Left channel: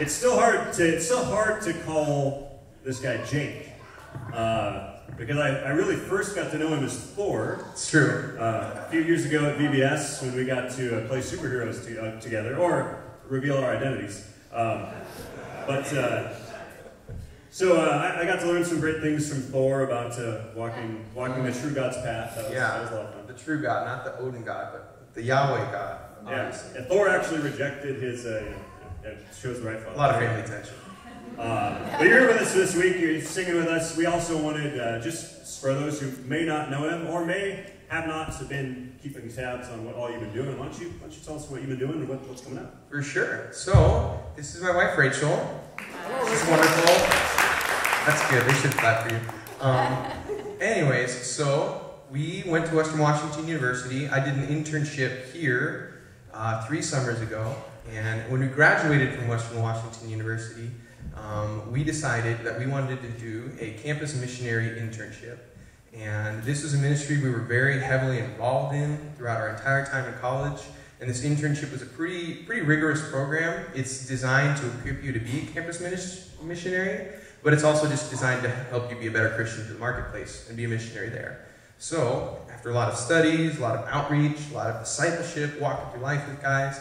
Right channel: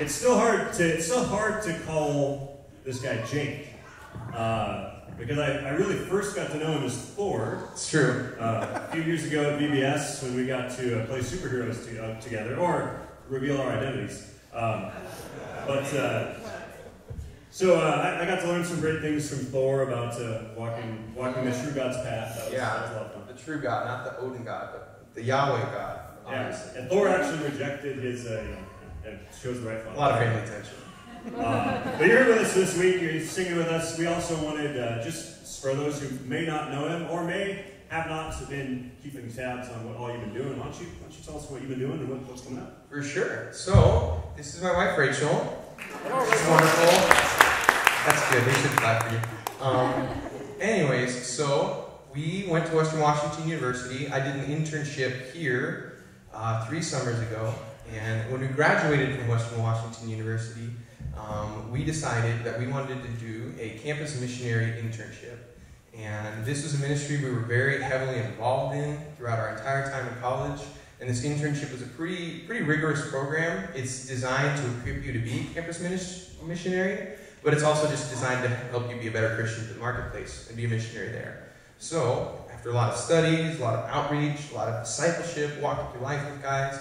It's still hard to call this guy Jake. Because I really first got to know him as Thor. It's true. A few years ago at VBS when we got to play superheroes together, or reveal our identities. So I got to learn some great things from Thor about walking the true God's path. That was a lot of fun. The true God, not the Odin God, but the Yahweh God. Yeah, and Thor actually rejected his, it shows the right fellow. A lot of family tension. But you're here with us this week, you're singing with us. We also wanted, just for those who may not know him, or may have not been keeping tabs on what all you've been doing, why don't you tell us what you've been doing and what's coming up? For sure. So, this is my wife, Rachel. Hello, Rachel. She's wonderful. That's good, they should clap for you. Anyways, so we went to Western Washington University. I did an internship here 3 summers ago. And when we graduated from Western Washington University, we decided that we wanted to do a campus missionary internship. And this was a ministry we were very heavily involved in throughout our entire time in college. And this internship was a pretty rigorous program. It's designed to equip you to be a campus missionary, but it's also just designed to help you be a better Christian in the marketplace and be a missionary there. So, after a lot of studies, a lot of outreach, a lot of discipleship, walking through life with guys,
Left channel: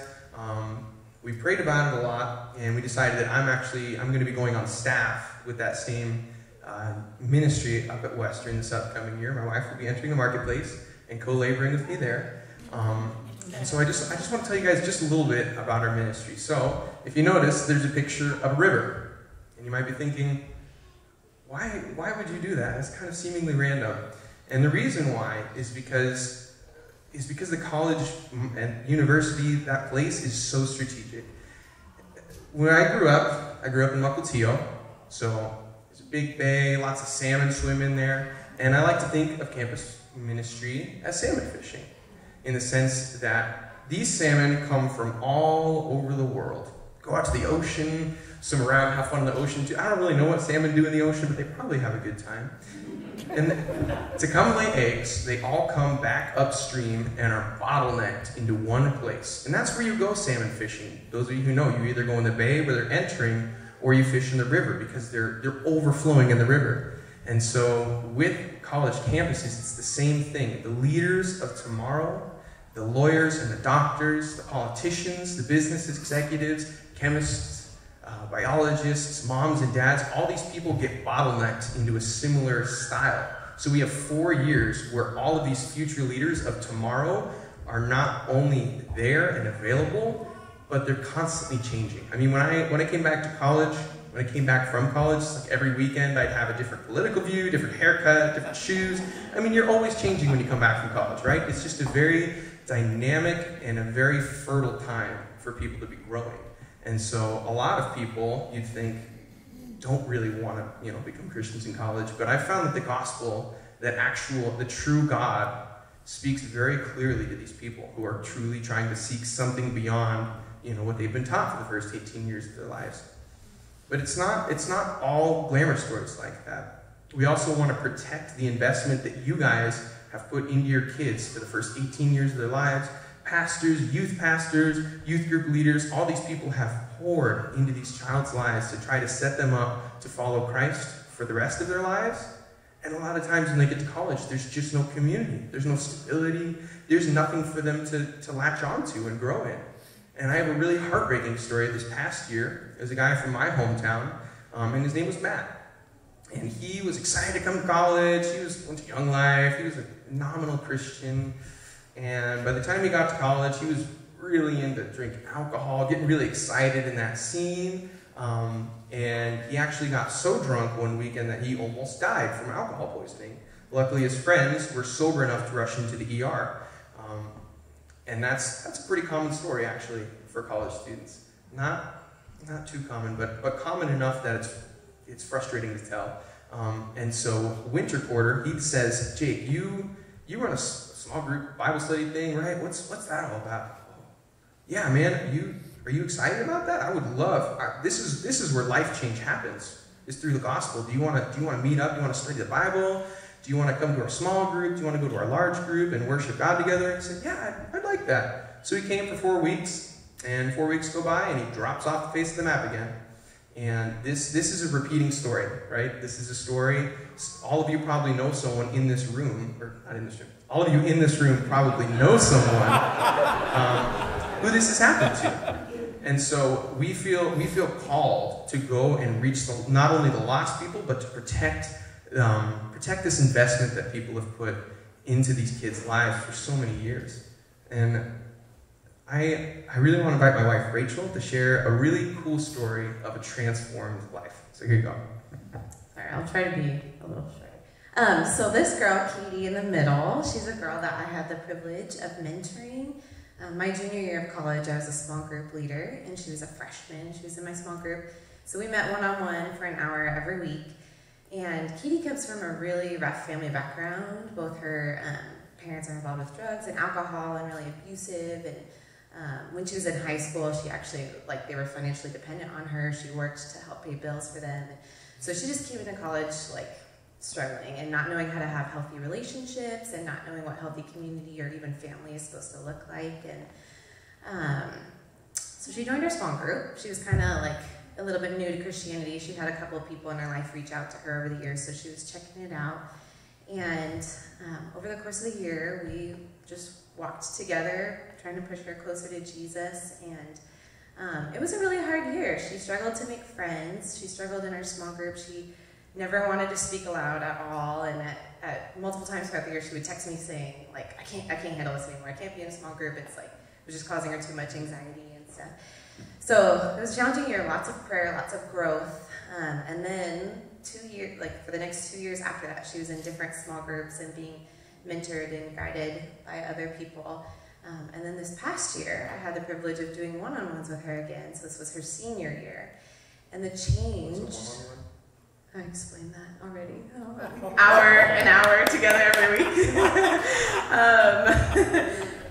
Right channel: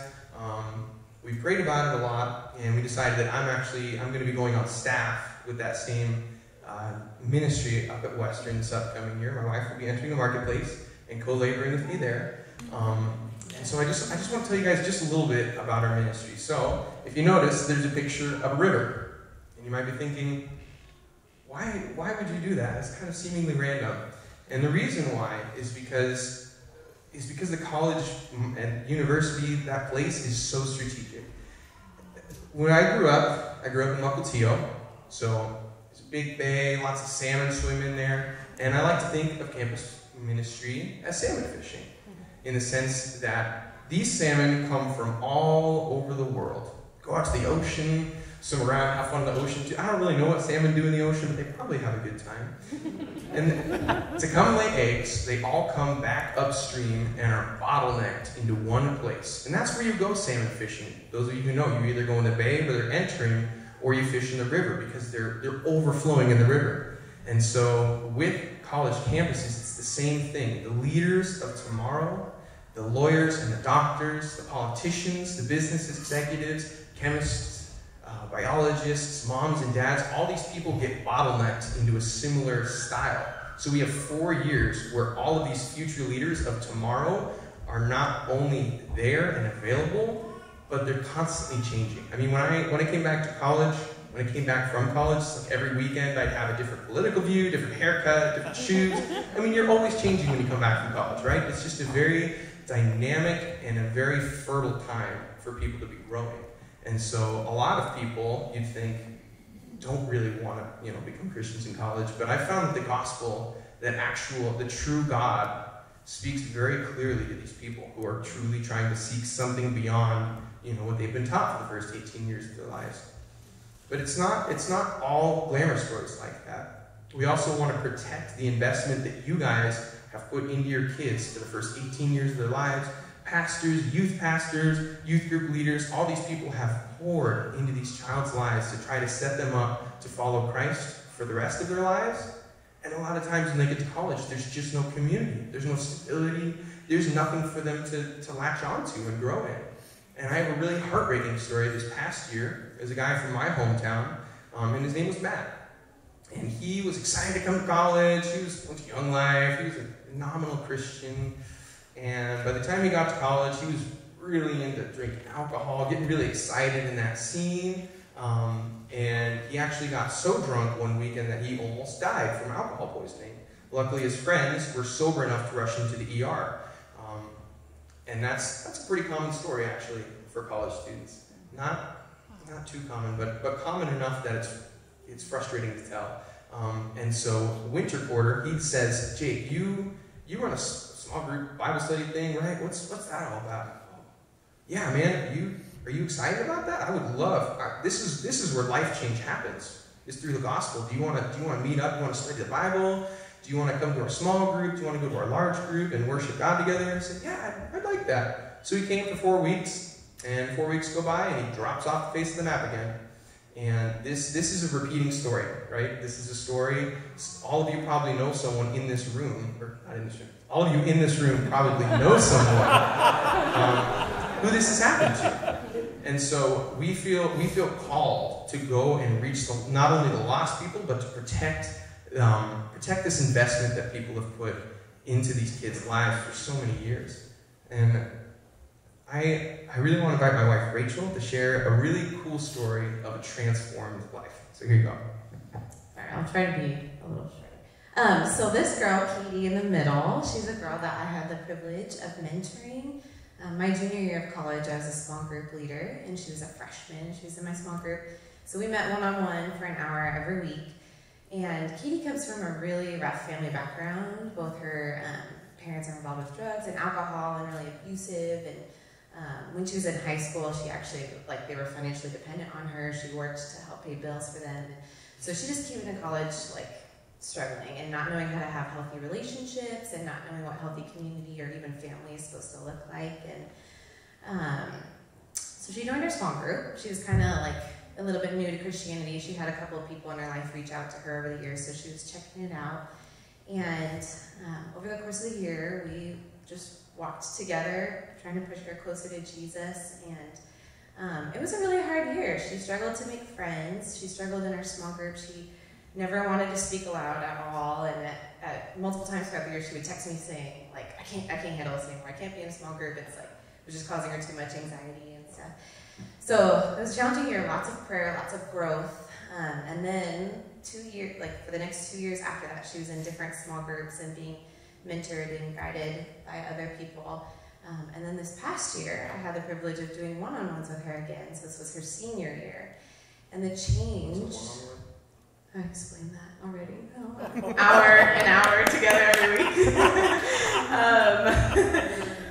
we prayed about it a lot, and we decided that I'm going to be going on staff with that same ministry up at Western this upcoming year. My wife will be entering the marketplace and co-laboring with me there. And so I just want to tell you guys just a little bit about our ministry. So, if you notice, there's a picture of a river. And you might be thinking, why would you do that? It's kind of seemingly random. And the reason why is because the college and university, that place is so strategic. When I grew up in Mukilteo, so it's a big bay, lots of salmon swim in there, and I like to think of campus ministry as salmon fishing, in the sense that these salmon come from all over the world. Go out to the ocean, swim around, have fun in the ocean too. I don't really know what salmon do in the ocean, but they probably have a good time. And to come lay eggs, they all come back upstream and are bottlenecked into one place. And that's where you go salmon fishing. Those of you who know, you either go in the bay where they're entering, or you fish in the river because they're overflowing in the river. And so with college campuses, it's the same thing. The leaders of tomorrow, the lawyers and the doctors, the politicians, the business executives, chemists, biologists, moms and dads, all these people get bottlenecked into a similar style. So we have 4 years where all of these future leaders of tomorrow are not only there and available, but they're constantly changing. I mean, when I came back to college, when I came back from college, it's like every weekend I'd have a different political view, different haircut, different shoes. I mean, you're always changing when you come back from college, right? It's just a very dynamic and a very fertile time for people to be growing. And so a lot of people, you'd think, don't really want to, become Christians in college. But I found that the gospel, the true God, speaks very clearly to these people who are truly trying to seek something beyond, what they've been taught for the first 18 years of their lives. But it's not all glamour stories like that. We also want to protect the investment that you guys have put into your kids for the first 18 years of their lives. Pastors, youth group leaders, all these people have poured into these child's lives to try to set them up to follow Christ for the rest of their lives. And a lot of times when they get to college, there's just no community. There's no stability. There's nothing for them to latch onto and grow in. And I have a really heartbreaking story this past year. There's a guy from my hometown, and his name was Matt. And he was excited to come to college. He went to Young Life. He was a nominal Christian. And by the time he got to college, he was really into drinking alcohol, getting really excited in that scene. And he actually got so drunk one weekend that he almost died from alcohol poisoning. Luckily, his friends were sober enough to rush him to the ER. And that's a pretty common story, actually, for college students. Not too common, but common enough that it's frustrating to tell. And so, winter quarter, he says, Jake, you run a small group Bible study thing, right? What's that all about? Yeah, man, are you excited about that? I would love. This is where life change happens. Is through the gospel. Do you want to meet up? Do you want to study the Bible? Do you want to come to our small group? Do you want to go to our large group and worship God together? And he said, yeah, I'd like that. So he came for 4 weeks, and 4 weeks go by, and he drops off the face of the map again. And this is a repeating story, right? This is a story. All of you probably know someone in this room, or not in this room. All of you in this room probably know someone who this has happened to. And so we feel called to go and reach not only the lost people, but to protect this investment that people have put into these kids' lives for so many years. And I really want to invite my wife Rachel to share a really cool story of a transformed life. So here you go. All right, I'll try to be a little short. So this girl, Katie in the middle, she's a girl that I had the privilege of mentoring. My junior year of college, I was a small group leader, and she was a freshman. She was in my small group. So we met one-on-one for an hour every week. And Katie comes from a really rough family background. Both her parents are involved with drugs and alcohol and really abusive. And when she was in high school, she actually, they were financially dependent on her. She worked to help pay bills for them. So she just came into college, struggling and not knowing how to have healthy relationships and not knowing what healthy community or even family is supposed to look like. And so she joined our small group. She was kind of a little bit new to Christianity. She had a couple of people in her life reach out to her over the years, so she was checking it out. And over the course of the year, we just walked together, trying to push her closer to Jesus. And it was a really hard year. She struggled to make friends. She struggled in our small group. She never wanted to speak aloud at all, and at multiple times throughout the year, she would text me saying, I can't handle this anymore. I can't be in a small group. It was just causing her too much anxiety and stuff. So it was a challenging year, lots of prayer, lots of growth. And then for the next 2 years after that, she was in different small groups and being mentored and guided by other people. And then this past year, I had the privilege of doing one-on-ones with her again. So this was her senior year. And the change... I explained that already. An hour together every week.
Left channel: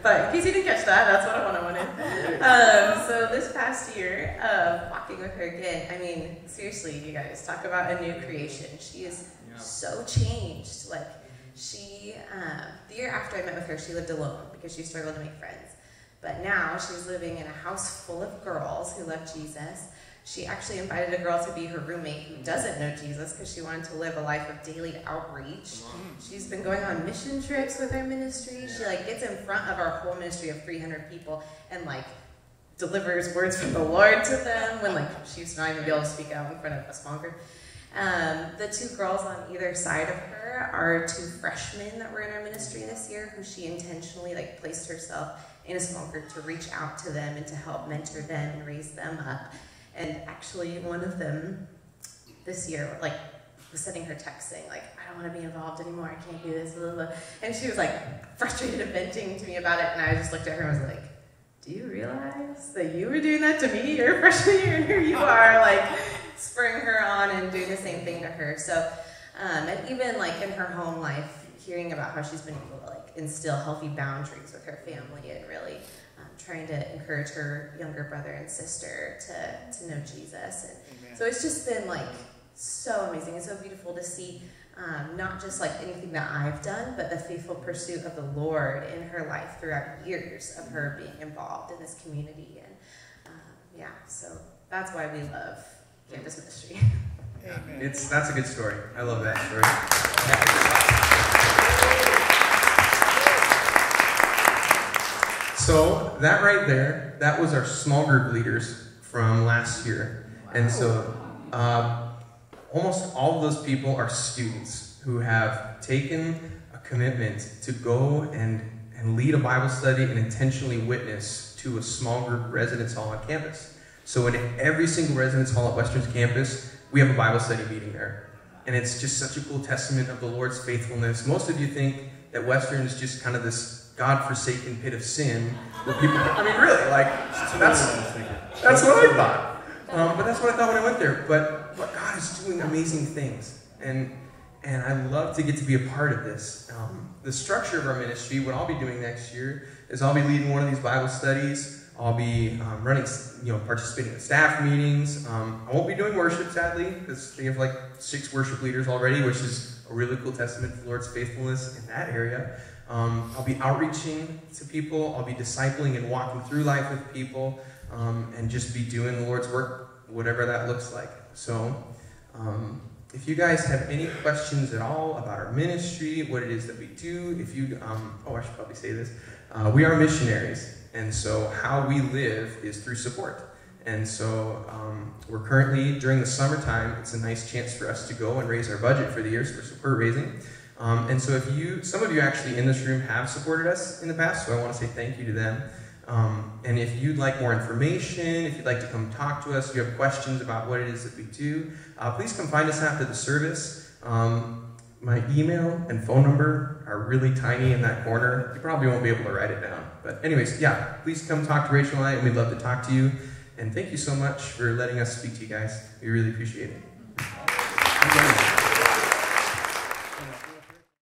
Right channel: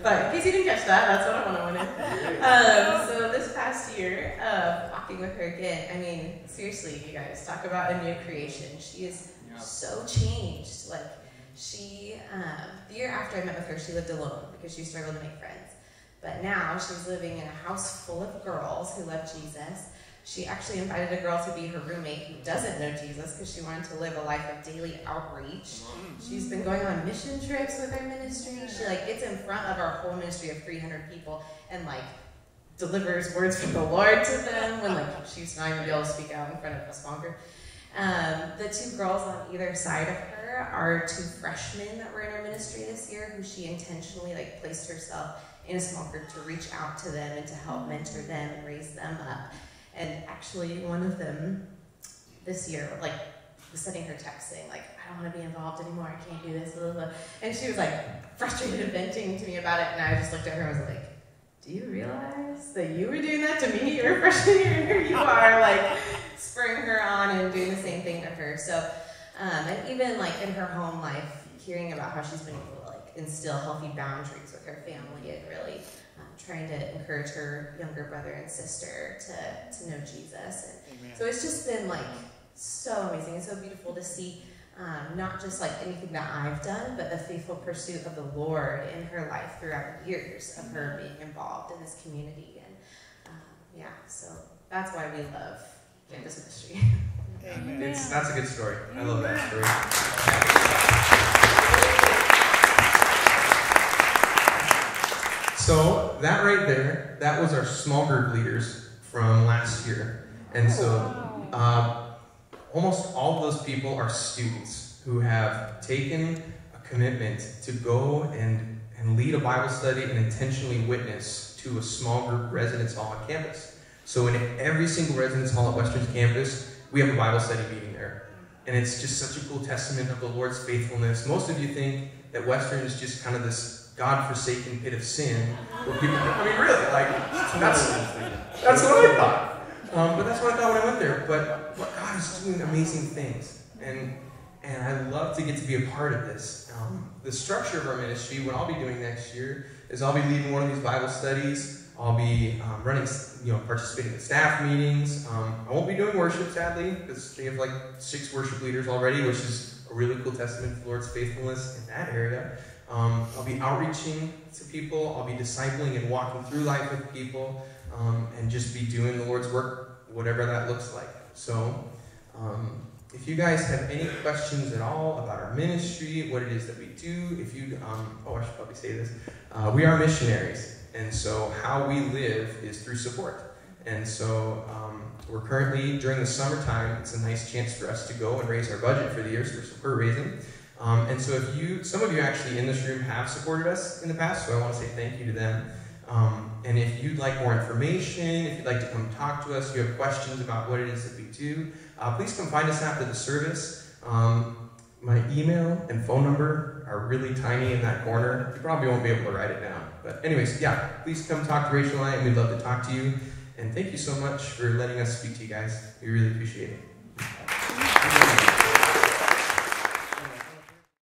But in case you didn't catch that, that's what I wanted. So this past year of walking with her again, I mean, seriously, you guys, talk about a new creation. She is so changed. The year after I met with her, she lived alone because she struggled to make friends. But now she's living in a house full of girls who love Jesus. She actually invited a girl to be her roommate who doesn't know Jesus because she wanted to live a life of daily outreach. She's been going on mission trips with her ministry. She gets in front of our whole ministry of 300 people and delivers words from the Lord to them when she used to not even be able to speak out in front of a small group. The two girls on either side of her are two freshmen that were in our ministry this year who she intentionally placed herself in a small group to reach out to them and to help mentor them and raise them up. And actually, one of them this year, was sending her text saying, I don't want to be involved anymore. I can't do this, blah, blah, blah. And she was, frustrated and venting to me about it. And I just looked at her and was like, do you realize that you were doing that to me your freshman year? And here you are, spurring her on and doing the same thing to her. So, and even, in her home life, hearing about how she's been able to, instill healthy boundaries with her family and really trying to encourage her younger brother and sister to know Jesus. And so it's just been so amazing and so beautiful to see not just anything that I've done, but the faithful pursuit of the Lord in her life throughout years of her being involved in this community. And so that's why we love campus ministry. Amen. That's a good story. I love that story. So that right there, that was our small group leaders from last year. And so almost all of those people are students who have taken a commitment to go and lead a Bible study and intentionally witness to a small group residence hall on campus. So in every single residence hall at Western's campus, we have a Bible study meeting there. And it's just such a cool testament of the Lord's faithfulness. Most of you think that Western is just kind of this God-forsaken pit of sin, where people, really, that's what I thought. But that's what I thought when I went there. But God is doing amazing things, and I love to get to be a part of this. The structure of our ministry, what I'll be doing next year, is I'll be leading one of these Bible studies. I'll be participating in staff meetings. I won't be doing worship, sadly, because they have 6 worship leaders already, which is a really cool testament to the Lord's faithfulness in that area. I'll be outreaching to people. I'll be discipling and walking through life with people, and just be doing the Lord's work whatever that looks like. So if you guys have any questions at all about our ministry, what it is that we do, if you, I should probably say this, we are missionaries, and so how we live is through support. And so we're currently, during the summertime, it's a nice chance for us to go and raise our budget for the years we're raising. And so some of you actually in this room have supported us in the past, so I want to say thank you to them. And if you'd like more information, if you'd like to come talk to us, you have questions about what it is that we do, please come find us after the service. My email and phone number are really tiny in that corner. You probably won't be able to write it down. But anyways, yeah, please come talk to Rachel and I, and we'd love to talk to you. And thank you so much for letting us speak to you guys. We really appreciate it.